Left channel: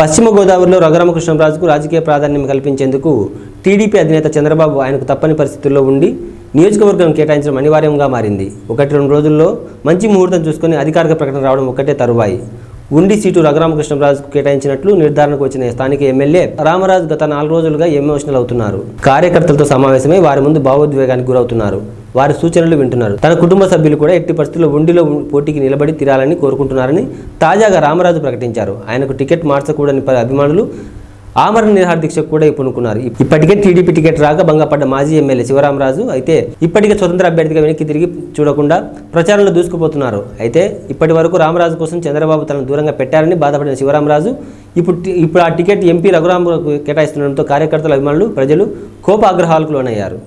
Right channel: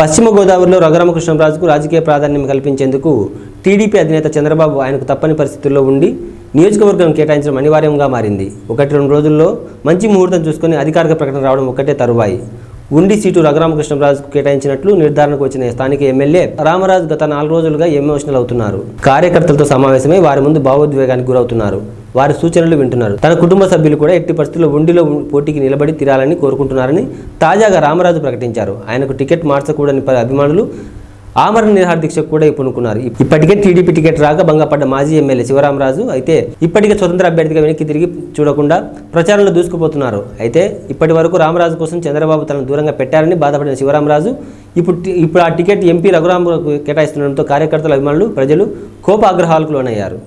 పశ్చిమ గోదావరిలో రఘురామకృష్ణంరాజుకు రాజకీయ ప్రాధాన్యం కల్పించేందుకు టీడీపీ అధినేత చంద్రబాబు ఆయనకు తప్పని పరిస్థితుల్లో ఉండి నియోజకవర్గం కేటాయించడం అనివార్యంగా మారింది. 1-2 రోజుల్లో మంచి ముహూర్తం చూసుకుని అధికారిక ప్రకటన రావడం ఒక్కటే తరువాయి. ఉండి సీటు రఘురామకృష్ణంరాజుకు కేటాయించినట్లు నిర్ధారణకు వచ్చిన స్థానిక ఎమ్మెల్యే రామరాజు గత 4 రోజులుగా ఎమోషనల్ అవుతున్నారు. కార్యకర్తలతో సమావేశమై వారి ముందు భావోద్వేగానికి గురవుతున్నారు. వారి సూచనలు వింటున్నారు. తన కుటుంబ సభ్యులు కూడా ఎట్టి పరిస్థితుల్లో ఉండిలో పోటీకి నిలబడి తీరాలని కోరుకుంటున్నారని తాజాగా రామరాజు ప్రకటించారు. ఆయనకు టికెట్ మార్చకూడని అభిమానులు ఆమరణ నిరాహార దీక్షకు కూడా పూనుకున్నారు. ఇప్పటికే టీడీపీ టికెట్ రాక భంగపడ్డ మాజీ ఎమ్మెల్యే శివరామరాజు అయితే ఇప్పటికే స్వతంత్ర అభ్యర్థిగా వెనక్కి తిరిగి చూడకుండా ప్రచారంలో దూసుకుపోతున్నారు. అయితే ఇప్పటి వరకు రామరాజు కోసం చంద్రబాబు తనను దూరంగా పెట్టారని బాధపడిన శివరామరాజు ఇప్పుడు ఆ టికెట్ ఎంపీ రఘురామకు కేటాయిస్తుండడంతో కార్యకర్తల అభిమానులు ప్రజలు కోపాగ్రహాలకు లోనయ్యారు.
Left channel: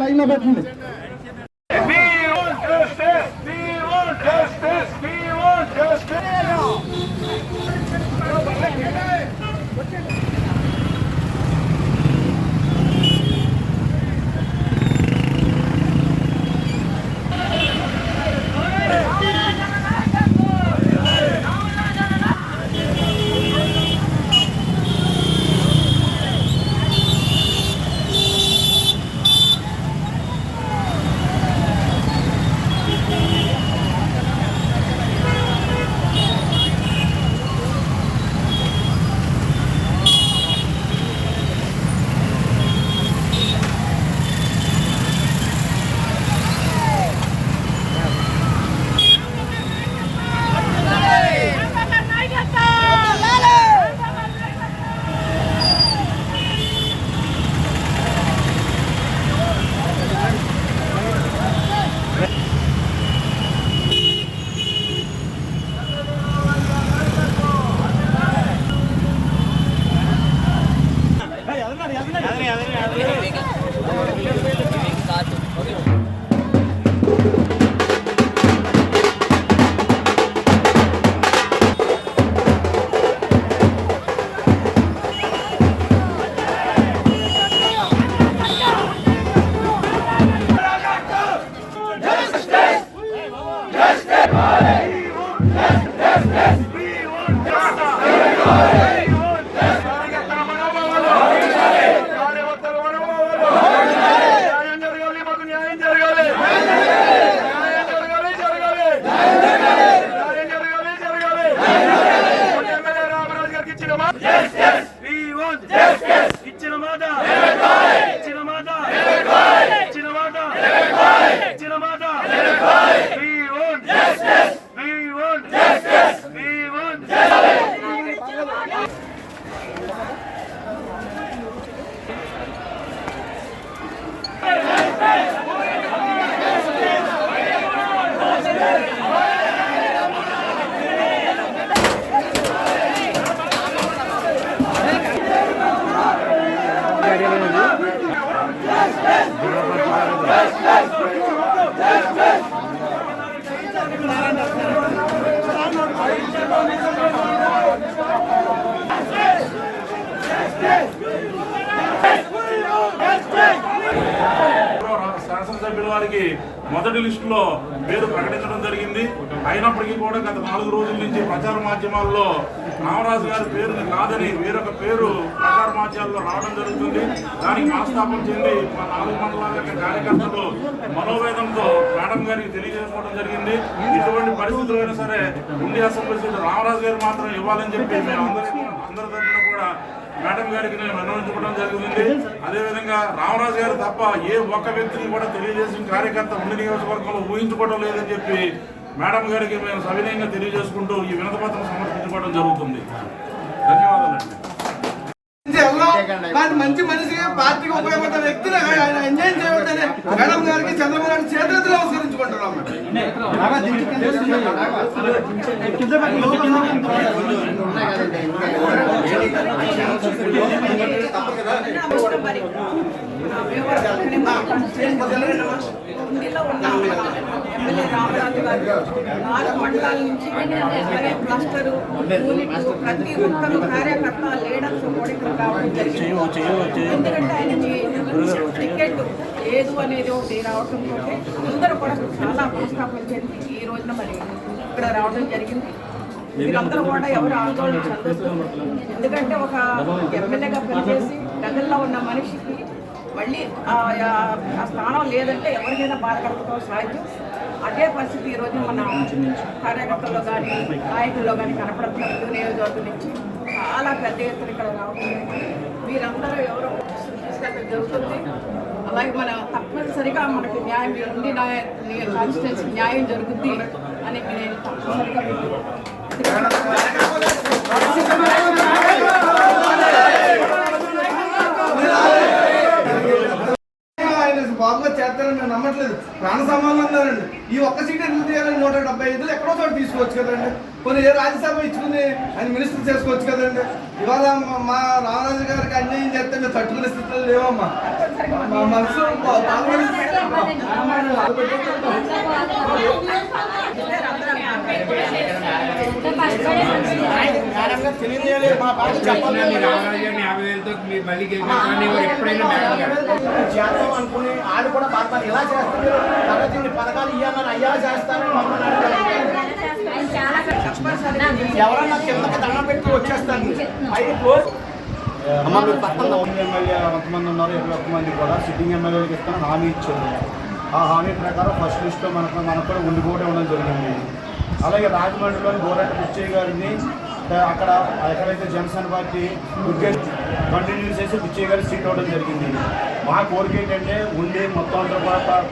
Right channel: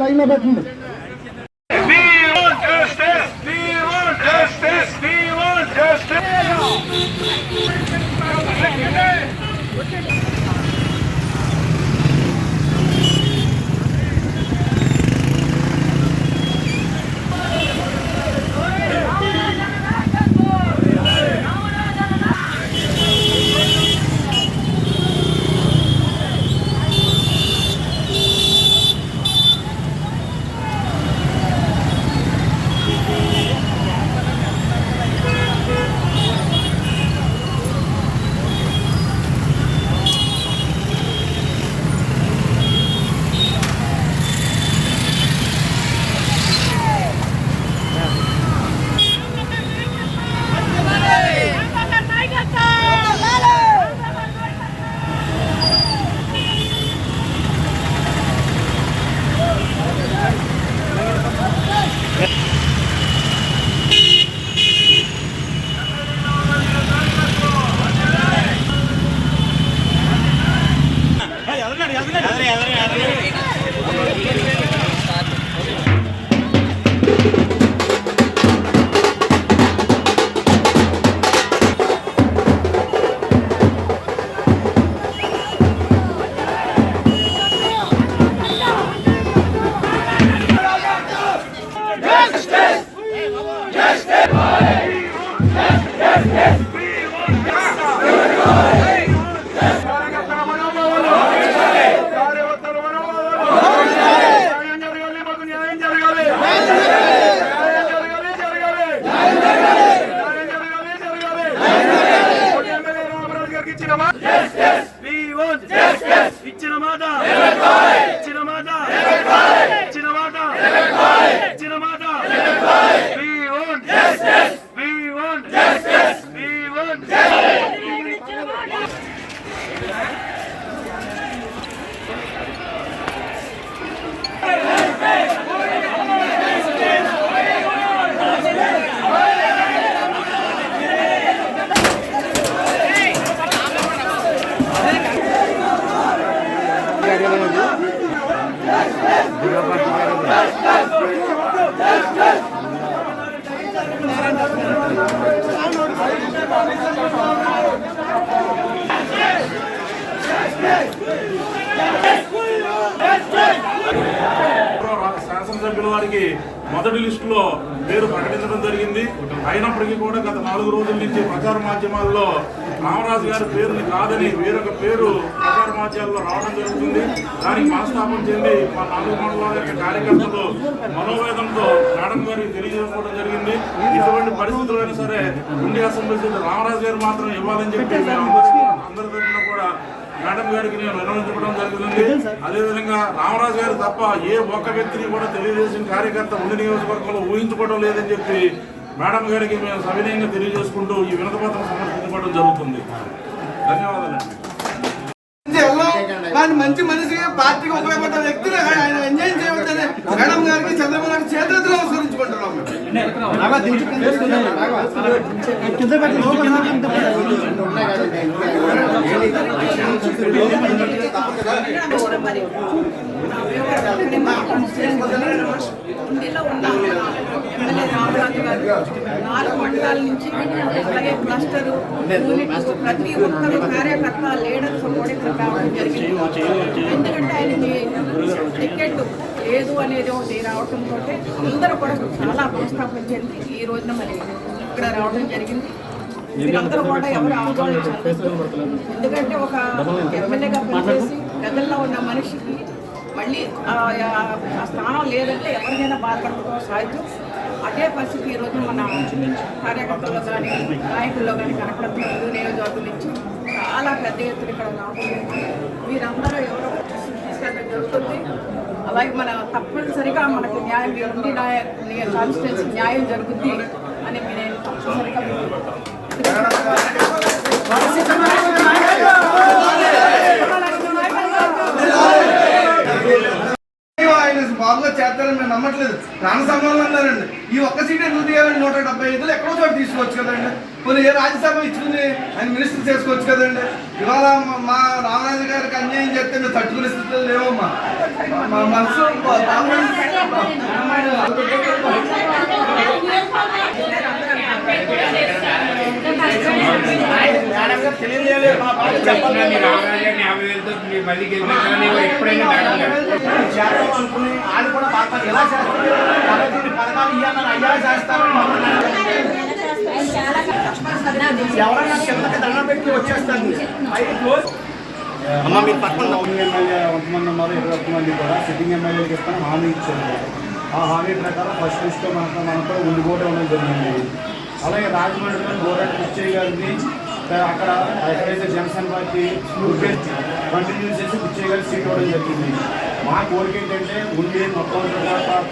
లైన్ లో పెట్టండి. శాసనసభ్యుల వారికి మొదటి లిస్టులో పేరు ప్రకటించడం జరిగింది. అయినప్పటికీ కూడా గత 4 రోజుల నుంచి ప్రచార మాధ్యమాల్లో రామరాజు గారి పేరుని కాదని వేరొక పేరు ప్రచార మాధ్యమాల్లో రావడం జరుగుతుంది. దానికి మనస్తాపం చెంది మా 4 మండలాల యొక్క కార్యకర్తలు మనోవేదనతో మేడం గారికి తెలియజేసుకోవడం జరిగింది. ఇటువంటి పరిస్థితులు అయినా సరే ఉండి అసెంబ్లీ సీటు రామరాజు గారు మాత్రం ఇవ్వాలని చెప్పి మేము అందరి తరఫున కూడా మేడం గారికి నేను విన్నవించుకోవడం జరుగుతుంది. అదేవిధంగా రామరాజు గారు తప్ప ఏ ఒక్క వ్యక్తిని కూడా తెలుగుదేశం కార్యకర్త ఉండి నియోజకవర్గంలో ఊహించుకోవడం లేదని చెప్పి మేడం గారికి మేము సవినయంగా తెలియజేసుకుంటూ ఈ వినతి పత్రం సమర్పించుకోవడం జరుగుతుంది. ధన్యవాదాలండి. కానీ మంచి మనిషిగా పార్టీకి ఉపయోగపడ్డ వ్యక్తిని ఆయన ఎంజాయ్ చేయవద్దని మేడం గారికి చంద్రబాబు గారికి చేతులెత్తి నమస్కరించుకుంటున్నాం. ఉండిలో ఉన్న ఎమ్మెల్యే రామరాజు గారు 4 మండలాల నుంచి అలాగే క్లస్టరు యూనిట్ ప్రతి ఒక్కరు కార్యకర్త లీడర్స్ కూడా ఇక్కడ రావడం జరిగింది. ఎందుకంటే ఆయనకి టికెట్ లేదు అనేది ఒకటి రావడంతో అందరూ కూడా చాలా మనస్తాపం చెంది ఈ రోజున మరి ఇక్కడ రావడం జరిగింది. మీరందరూ కూడా ఎవరు ఆందోళన చెందొద్దు. ఎందుకంటే ఒక ఎమ్మెల్యేగా పనిచేసి ప్రజల్లో ఉన్న మనిషికి మళ్ళీ ఆ స్థానం లేదంటే ఎవరికైనా బాధపడటం సహజం. అదే పరిస్థితి ఈరోజు మన కార్యకర్తల్లో కానీ నాయకుల్లో కానీ కనపడుతున్న నియోజకవర్గం నుంచి చాలా పెద్ద ఎత్తున ఇక్కడ రావడం జరిగింది. వీరందరూ ఎవరో తీసుకెళ్ళడం జరుగుతుంది. అలాగే మన తప్పనిసరిగా మనకి న్యాయం ఉండి కాన్స్టిట్యున్సీ న్యాయం జరుగుద్ది అని నేను తప్పనిసరిగా బాబుగా చేస్తారని మేము నమ్మట్లేదు. ప్రాణ సమానం అన్నారండి. ఈ ఒక్క సీట్ ఎందుకు తీయాలండి? 175 ఎక్కడో చోట తీసుకోవచ్చు కదండి. కొన్ని ఏ రాజ్యసభ ఇచ్చుకుని ఆయన మినిస్టర్ చేసుకోవచ్చు కదండి. ఇవాళ మా రామరాజు గారికి అన్యాయం చేస్తే మేము తట్టుకునే స్థితిలో లేవమ్మా. మా మనసు అనుకుని వాళ్ళు కూడా ఎలా చేస్తారు పథకాలు ఇవ్వాలని చేస్తారు. ఎమ్మెల్యే 100 మంది ఉన్నారు. 21 మంది కూడా సిట్టింగ్ ఎమ్మెల్యేలకు ఇస్తాను హామీ ఇచ్చారు. ఆ హామీ ప్రకారం ఫస్ట్ లిస్ట్లో మనకు కూడా ఉండిపోవడం ఇవ్వడం జరిగింది. అలాగే రాజమండ్రిలోని గోరాటి పిచ్చయ్య గారిని అక్కడ ఎక్కడైతే జనసేన పార్టీ కంటిన్యూ చేసి పిచ్చయ్య గారికి సీట్ ఇవ్వడం జరిగింది. మా కోరిక ఏంటంటే ఉండి మొత్తం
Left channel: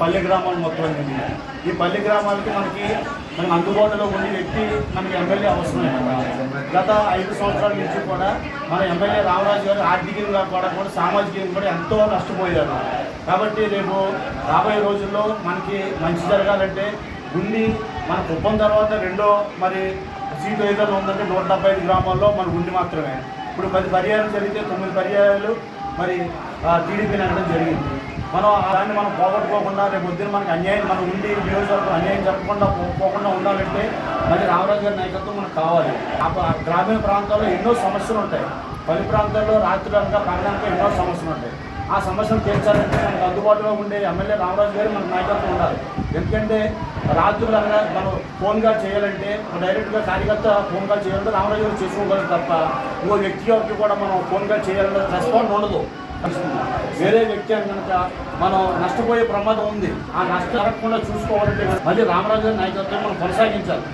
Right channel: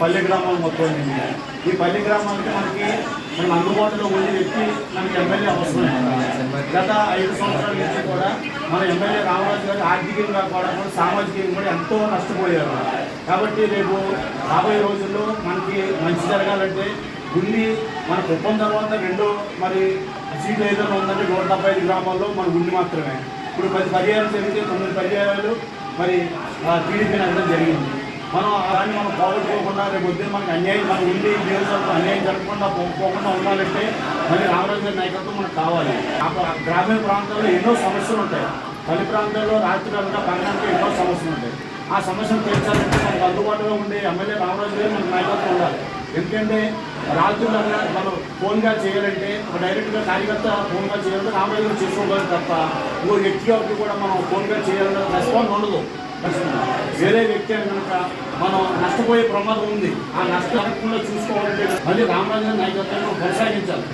పల్లె గ్రామాలు మొత్తం ఉంటుంది. ఈ పల్లె గ్రామాలకి మనకి అందుబాటులో ఉండే వ్యక్తి మనకి ఎమ్మెల్యే అవసరం. గత 5 సంవత్సరాల నుంచి కూడా మన ఎమ్మెల్యే రామరాజు గారు ఆర్థికంగా కూడా సామాజికంగా కూడా ఎంతో నష్టపోయారు. కాబట్టి రేపు రాబోయే రోజుల్లో మనకి మంచి జరగాలంటే ఉండి మన కుప్పం తర్వాత రెండో మరి సీట్లు ఏదైనా ఉందంటే 175 గ్రామాల్లో మన ఉండి మాత్రమే. ఇప్పుడు 10 పర్యాయాలు జరిగితే 9 పర్యాయాలు మరి టీడీపీని అనడం జరిగింది. దాన్ని మనం పోగొట్టుకోకుండా రేపు పొద్దున్న మనకి అన్యాయం మన ఉండి నియోజకవర్గం అన్యాయం జరగకుండా పోకుండా ఉండాలంటే మరి రామరాజు గారి నాయకత్వం మనకు కావాలి. గ్రామీణ ప్రాంతాల్లో ఎన్నో సమస్యలు ఉంటాయి. పల్లి ప్రాంతాల్లో రాత్రులంగా పగలంగా ఎన్నో సమస్యలు ఉంటాయి. ఆ సమస్యను తీర్చాలంటే మనకు అందుబాటులో ఉండే ఎమ్మెల్యే రామరాజు గారు మనకు నాయకత్వం ఉండాలి. ఎందుకంటే రాత్రులంగా మనం ఫోన్గా చేయాలంటే డైరెక్ట్గా కార్యకర్త ఫోన్గా చేయాలంటే రామరాజు గారు చేసుకోగలరు తప్ప ఇంకో వ్యక్తి వరకు కూడా మనం ఫోన్గా చేయాలన్న రెస్పాన్స్ ఉండదు. వేరే వ్యక్తి కనుక మనం నష్టపోయే ప్రమాదం ఉంది. ఆ నష్టం జరగకుండా చూసుకోవాలంటే మళ్ళీ రామరాజు గారి నాయకత్వం మనం కొనసాగించాలి.